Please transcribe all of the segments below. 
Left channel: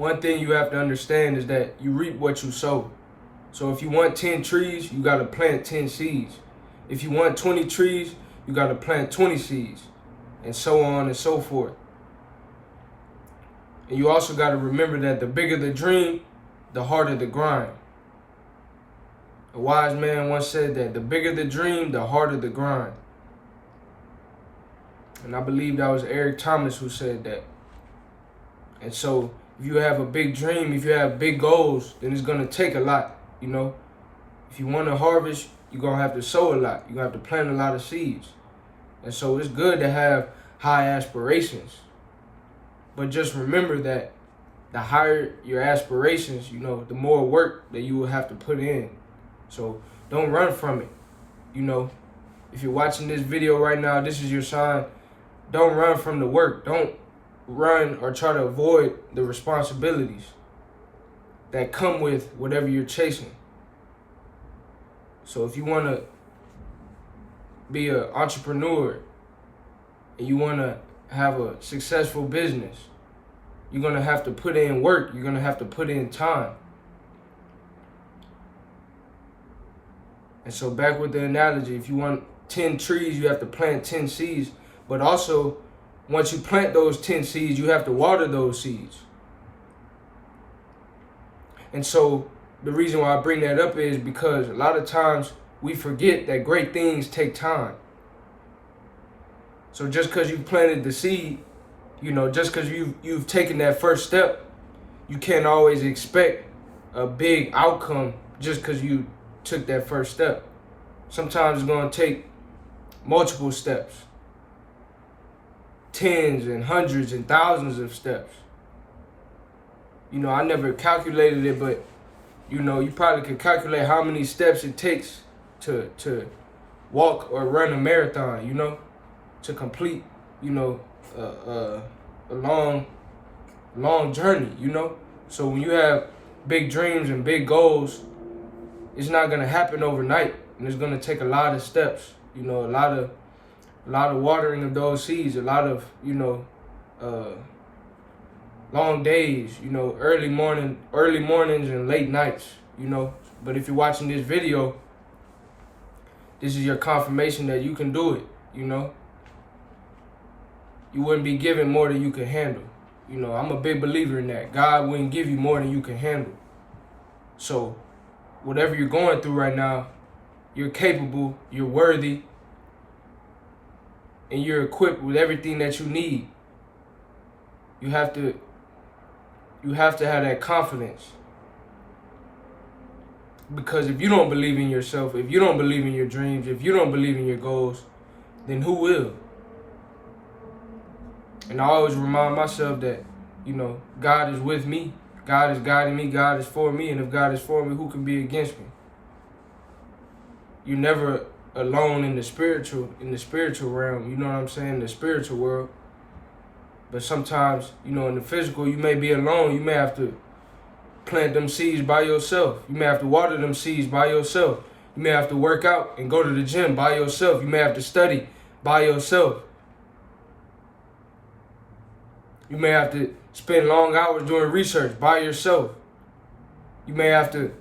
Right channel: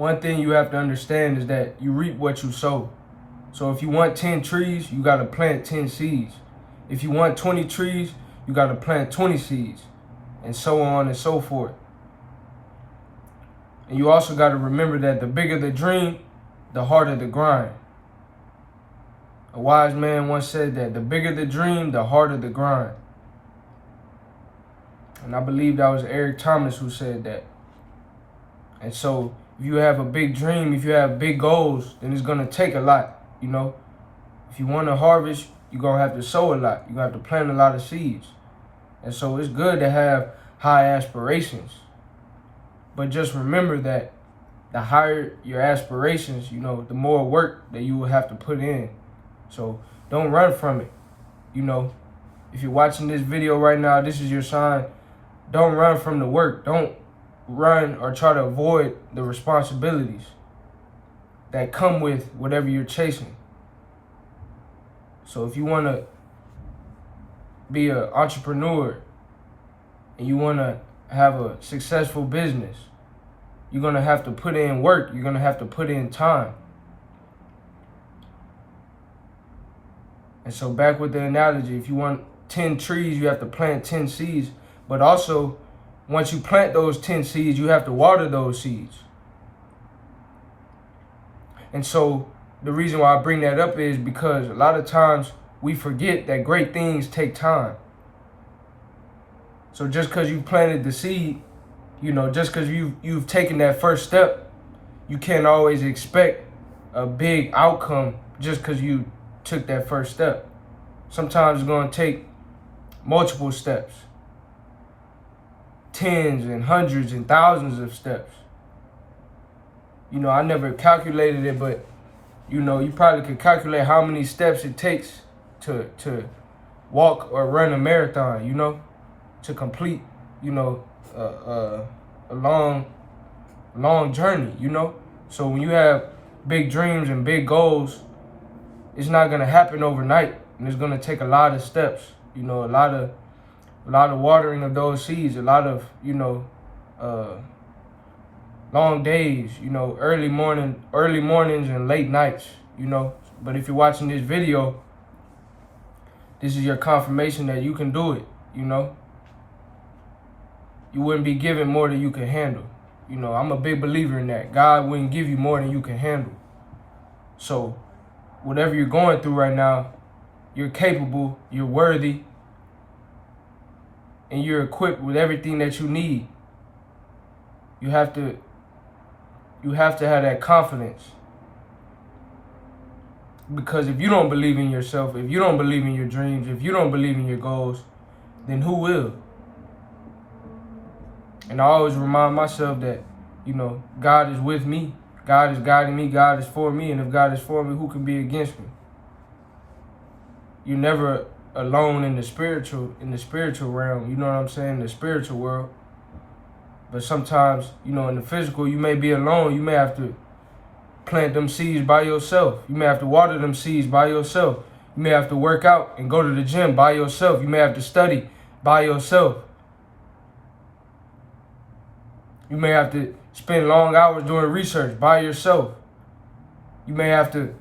one thing you have to understand is that you reap what you sow. So if you want 10 trees, you got to plant 10 seeds. If you want 20 trees, you got to plant 20 seeds, and so on and so forth. And you also got to remember that the bigger the dream, the harder the grind. A wise man once said that the bigger the dream, the harder the grind. And I believe that was Eric Thomas who said that. And so if you have a big dream, if you have big goals, then it's going to take a lot, you know. If you want to harvest, you're going to have to sow a lot. You're going to have to plant a lot of seeds. And so it's good to have high aspirations. But just remember that the higher your aspirations, you know, the more work that you will have to put in. So don't run from it. You know, if you're watching this video right now, this is your sign. Don't run from the work. Don't run or try to avoid the responsibilities that come with whatever you're chasing. So if you want to be an entrepreneur and you want to have a successful business, you're going to have to put in work. You're going to have to put in time. And so back with the analogy, if you want 10 trees, you have to plant 10 seeds. But also, once you plant those 10 seeds, you have to water those seeds. And so the reason why I bring that up is because a lot of times we forget that great things take time. So just because you planted the seed, you know, just because you've taken that first step, you can't always expect a big outcome just because you took that first step. Sometimes it's going to take multiple steps, tens and hundreds and thousands of steps. You know, I never calculated it, but you know, you probably could calculate how many steps it takes to walk or run a marathon, you know, to complete, you know, a long journey, you know. So when you have big dreams and big goals, it's not going to happen overnight, and it's going to take a lot of steps, you know, a lot of watering of those seeds, a lot of, you know, long days, you know, early mornings and late nights, you know. But if you're watching this video, this is your confirmation that you can do it, you know. You wouldn't be given more than you can handle. You know, I'm a big believer in that. God wouldn't give you more than you can handle. So whatever you're going through right now, you're capable, you're worthy, and you're equipped with everything that you need. You have to have that confidence. Because if you don't believe in yourself, if you don't believe in your dreams, if you don't believe in your goals, then who will? And I always remind myself that, you know, God is with me. God is guiding me. God is for me. And if God is for me, who can be against me? You're never alone in the spiritual realm. You know what I'm saying? The spiritual world. But sometimes, you know, in the physical, you may be alone. You may have to plant them seeds by yourself. You may have to water them seeds by yourself. You may have to work out and go to the gym by yourself. You may have to study by yourself. You may have to spend long hours doing research by yourself. You may have to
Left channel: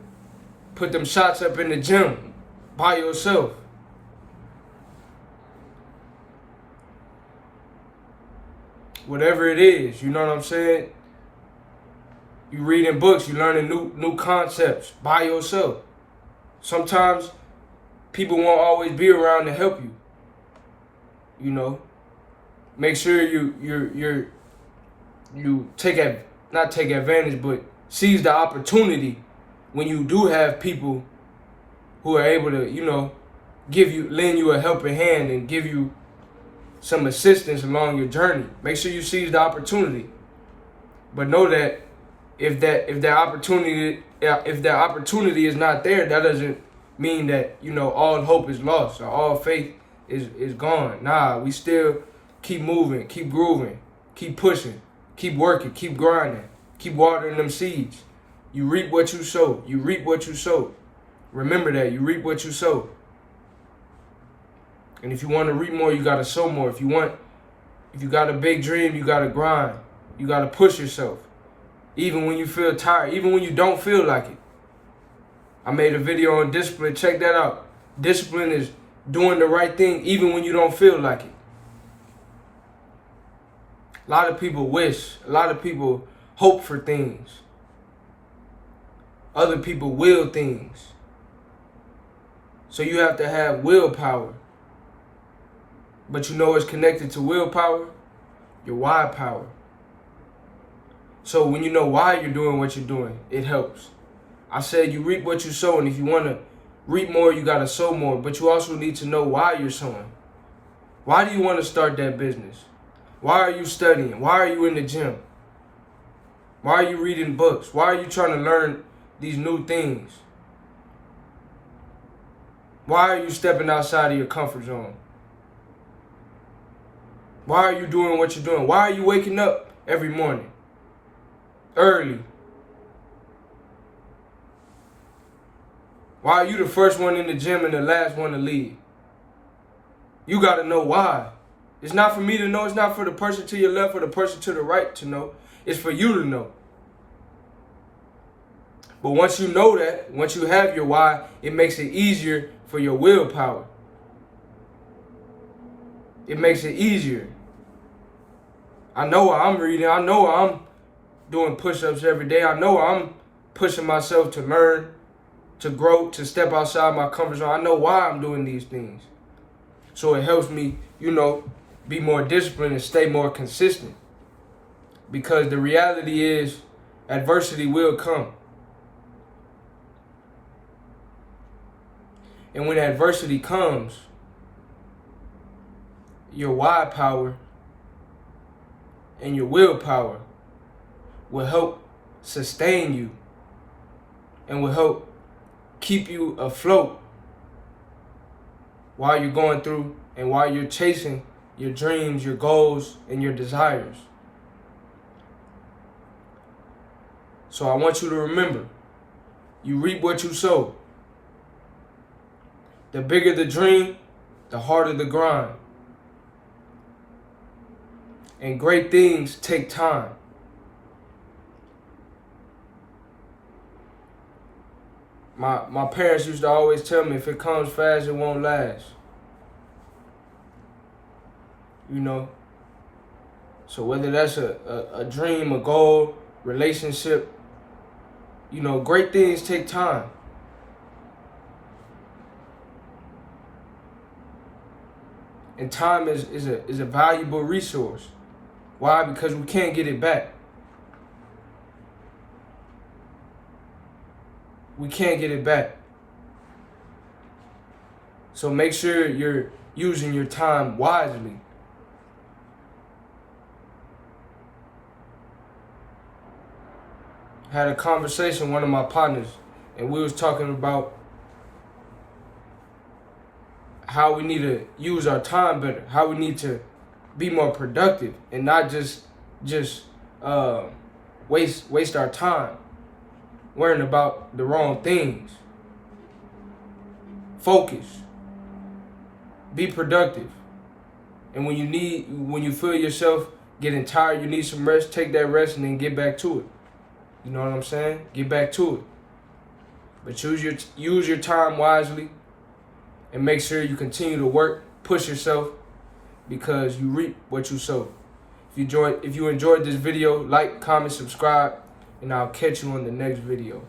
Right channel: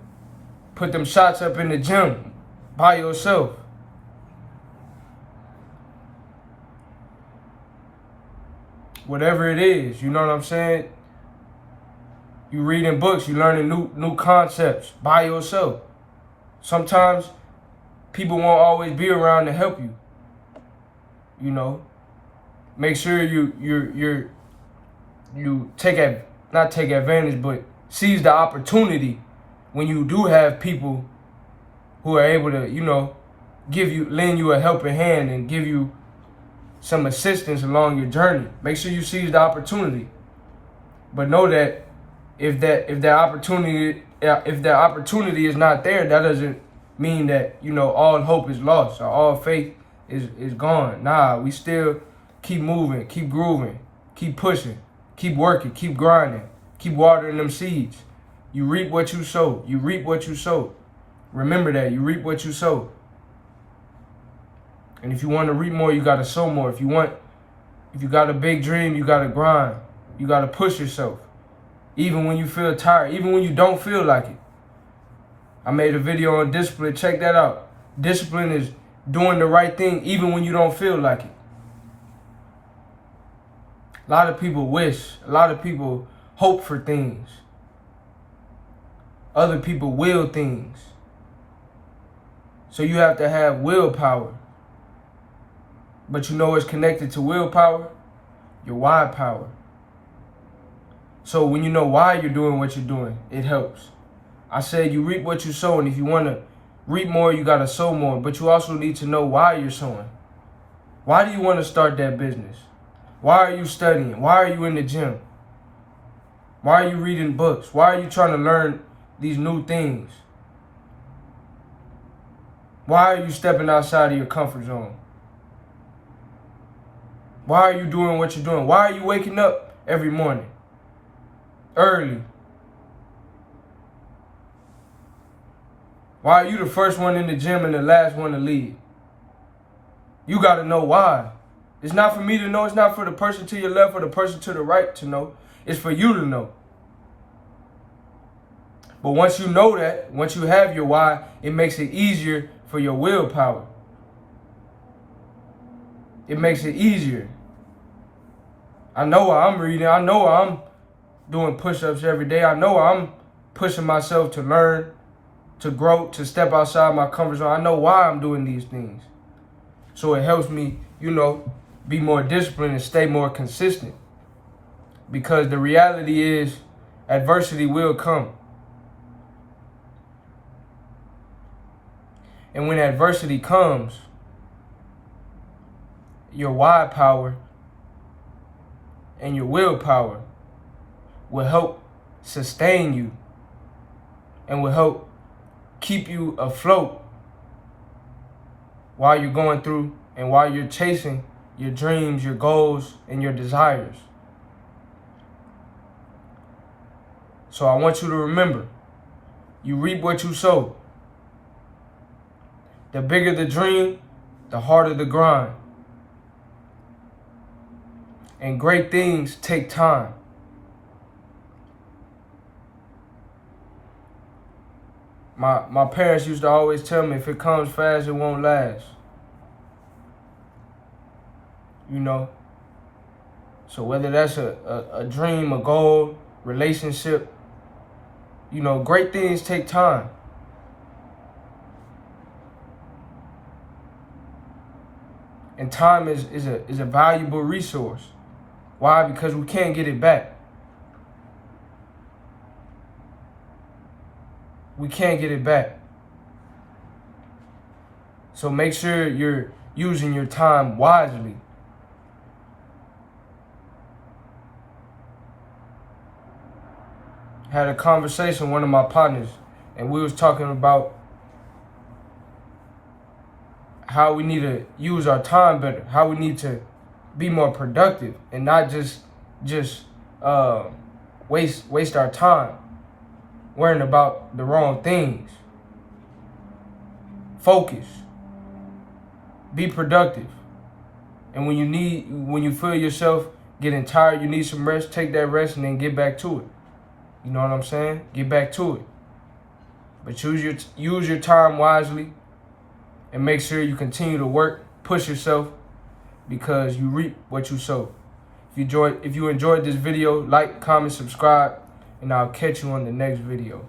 put them shots up in the gym by yourself. Whatever it is, you know what I'm saying? You reading books, you learning new concepts by yourself. Sometimes people won't always be around to help you. You know, make sure you not take advantage, but seize the opportunity when you do have people who are able to, you know, lend you a helping hand and give you some assistance along your journey. Make sure you seize the opportunity. But know that if that opportunity is not there, that doesn't mean that, you know, all hope is lost or all faith is gone. Nah, we still keep moving, keep grooving, keep pushing, keep working, keep grinding, keep watering them seeds. You reap what you sow. You reap what you sow. Remember that. You reap what you sow. And if you want to reap more, you got to sow more. If you got a big dream, you got to grind. You got to push yourself. even when you feel tired, even when you don't feel like it. I made a video on discipline. Check that out. Discipline is doing the right thing even when you don't feel like it. A lot of people wish. A lot of people hope for things. Other people will things. So you have to have willpower. But you know what's connected to willpower? Your why power. So when you know why you're doing what you're doing, it helps. I said you reap what you sow, and if you want to reap more, you got to sow more. But you also need to know why you're sowing. Why do you want to start that business? Why are you studying? Why are you in the gym? Why are you reading books? Why are you trying to learn these new things? Why are you stepping outside of your comfort zone? Why are you doing what you're doing? Why are you waking up every morning? Early. Why are you the first one in the gym and the last one to leave? You got to know why. It's not for me to know. It's not for the person to your left or the person to the right to know. It's for you to know. But once you know that, once you have your why, it makes it easier for your willpower. It makes it easier. I know why I'm reading. I know why I'm doing push-ups every day. I know why I'm pushing myself to learn, to grow, to step outside my comfort zone. I know why I'm doing these things. So it helps me, be more disciplined and stay more consistent. Because the reality is, adversity will come. And when adversity comes, your why power and your willpower will help sustain you and will help keep you afloat while you're going through and while you're chasing your dreams, your goals, and your desires. So I want you to remember, you reap what you sow. The bigger the dream, the harder the grind. And great things take time. My parents used to always tell me, if it comes fast, it won't last. So whether that's a dream, a goal, relationship, great things take time. And time is a valuable resource. Why? Because we can't get it back. We can't get it back. So make sure you're using your time wisely. Had a conversation with one of my partners, and we was talking about how we need to use our time better, how we need to be more productive and not just waste our time worrying about the wrong things. Focus. Be productive. And when you feel yourself getting tired, you need some rest, take that rest and then get back to it. You know what I'm saying? Get back to it. But use your time wisely and make sure you continue to work, push yourself, because you reap what you sow. If you enjoyed this video, like, comment, subscribe, and I'll catch you on the next video.